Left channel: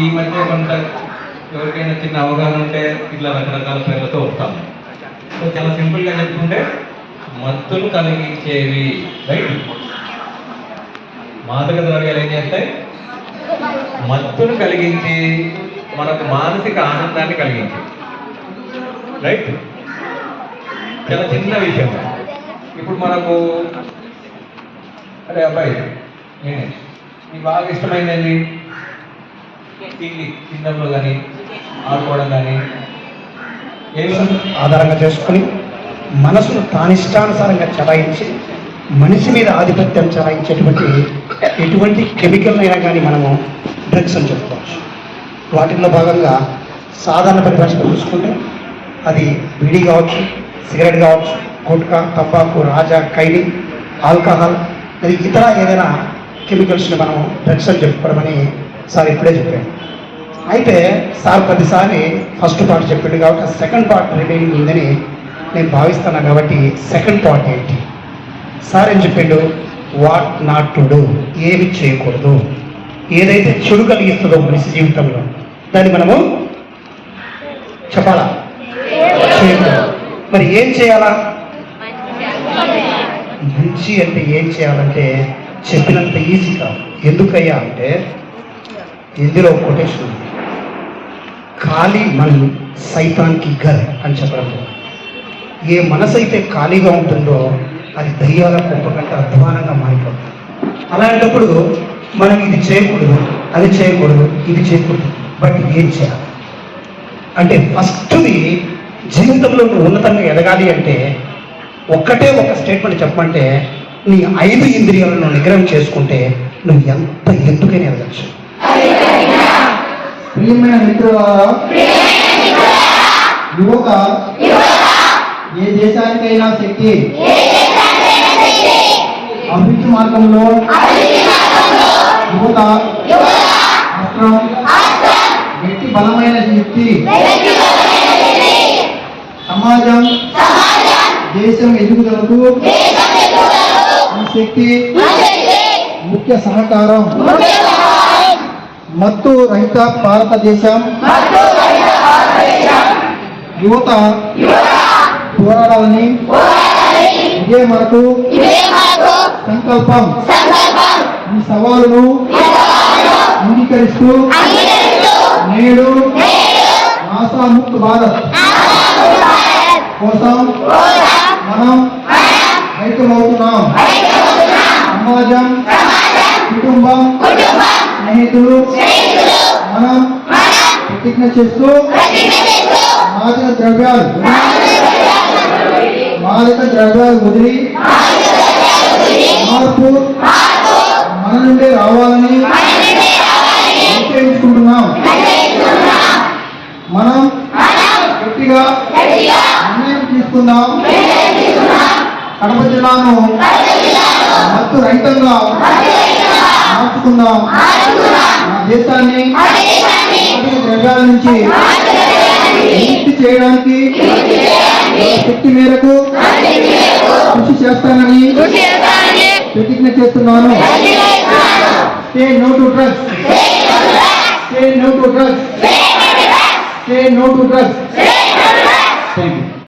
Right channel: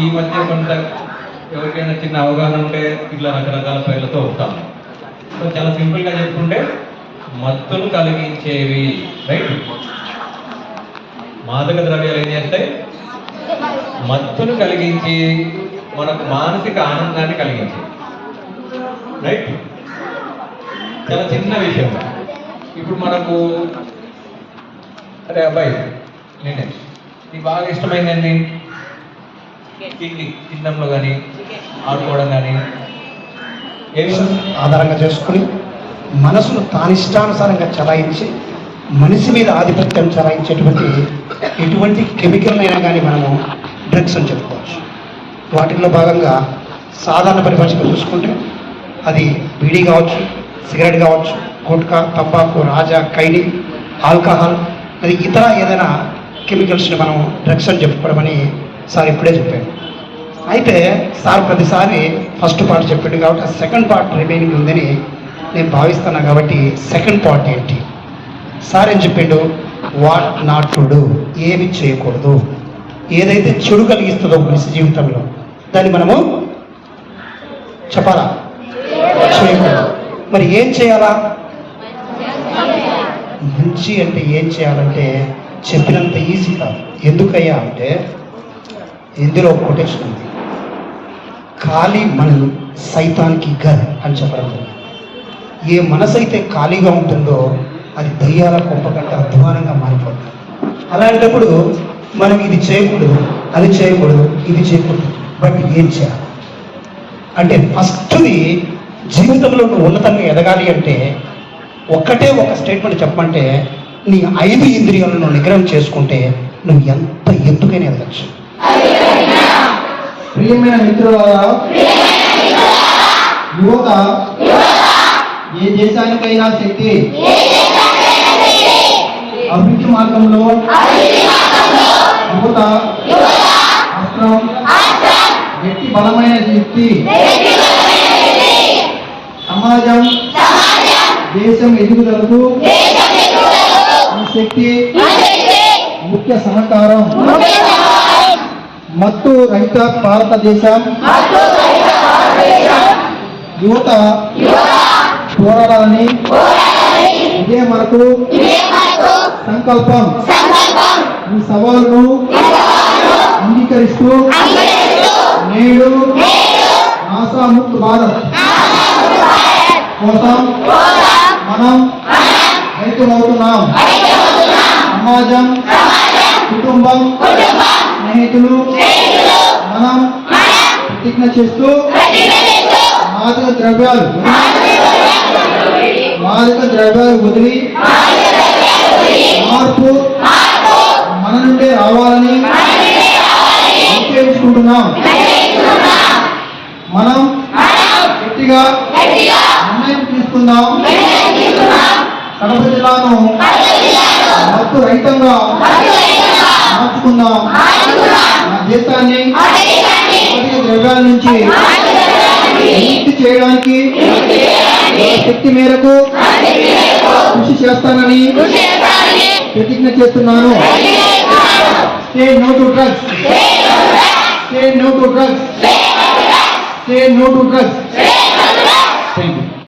ఈ మధ్య కొంత ఎవరికైనా చిన్న అవగాహన ఉంటే ఇట్లా రకరకాల పేర్లతో ఉంటాం. సో చాలా సింపుల్గా చెప్పుకుంటే మత్తులు కలిగించేవి. రైట్? మాదక ద్రవ్యాలు ఏం చేస్తాయి? మత్తును కలిగించి మనకు మానసిక ఆనందాన్ని కలిగించి రైట్? చాలా చిన్న విషయం. ఇప్పుడు మనకు అరే అబ్బాయి నేనే. నీకు బాగా ఇష్టమైందండి కానీ ఆడుకోవడం కానీ ఆధారంగా చేసుకుని మనసును తానిష్టానుసారంగా చలాయించి మనిషి మీద ఆధిపత్యం చలాయించేటువంటి ఎటువంటి కెమికల్ అయినా కానీ మనము డ్రగ్స్ అని చెప్పుకోవచ్చు. వాటిల్లో భాగంగా సాధారణ పరిభాషలో చూసుకుంటే అది బీడీ కావచ్చు సిగరెట్ కావచ్చు గుట్కా తంబాకు రాజా ఖైనీ ఆల్కహాల్ అది ఇతర ఏదైనా కెమికల్స్ని మనము డ్రగ్స్ అని చెప్పుకోవడం అని సార్ ఇప్పుడే చెప్పాను అయితే సార్ ప్రతిసారి ఫస్ట్ పార్ట్ చెప్పాడు కాబట్టి సెకండ్ పార్ట్ రిమైనింగ్ ఉందని నేను భావిస్తాను కాబట్టి సెకండ్ పార్ట్ ఏంటి? సార్ ఏం చెప్పిండు? వాట్ నాట్ టు డూ ఏమి చేయకూడదు. ఏదైతే చెడు కలిగిస్తుందో మనిషి జీవితంలో దాన్ని మనము చెప్పాలా? చేయకూడదు. మరి ఏం చేయాలా? మంచి అంటే ఏం చేయాలంటే చెప్పినంత ఈజీ కాదు. ఎందుకయ్యా అంటే ఇందులో కొటేషన్ ఉంది. ఖాళీ మనం సైతానికి గర్ అని చెప్పడం. ఏ మనసు అయితే ఖాళీగా ఉంటుందో అది దయ్యాల కుంపకంట అధ్వానంగా మారిపోతుంది. అలాంటప్పుడు మనకి ఇది చేయకూడదు అది చేయకూడదు ఇది చేయకూడదు. బట్ ఏం చేయాలి? అంటే ఫస్ట్ది జీవితంలో నువ్వు ఉన్నతంగా ఎదగాలి అంటే ఒక్కటే ఒక స్టేట్మెంట్ చెప్పమంటే నీ ఐదు ఇంద్రియాలను నిగ్రహం చేసుకుంటే నువ్వు ఎంత ఎందుకైనా ఎదగచ్చు. ప్రియమైన మిత్రులారా యువత ఏ దేశానికైనా శక్తి అభివృద్ధి మార్గంలో యువత అస్త్రం వ్యక్తి బలమైన వ్యక్తి సమాజం దేశం ఎదుగుదలకు ఈ శక్తి ముఖ్య సహకారం. మత్తు రహిత భారతదేశం. యువత. పోరాడాలని. ఇదే మనకు. సంకల్పం. ఈ సవాలును అంగీకరిస్తూ. నేడు నాసా ముక్త్ భారత్. కోసం మనం రైతులవుతున్నాం సమాజం కుటుంబం స్నేహితులు మనం ప్రతిజ్ఞ చేస్తూ మాదక ద్రవ్యాలు మాదక ద్రవ్యాలు వదిలి మార్పు మన నుండే రావాలని నిశ్చయించుకుంటున్నాం. మనం గట్టిగా నిర్ణయం తీసుకుందాం. కడప జిల్లాను మత్తు రహితంగా మార్చుకుందాం మన దేశాన్ని ద్రవ్యాల నుంచి విముక్తి చేయడానికి శక్తి మేరకు కృషి చేస్తానని ప్రతిజ్ఞ చేస్తున్నాను. Stay no to drugs stay no to drugs stay no to drugs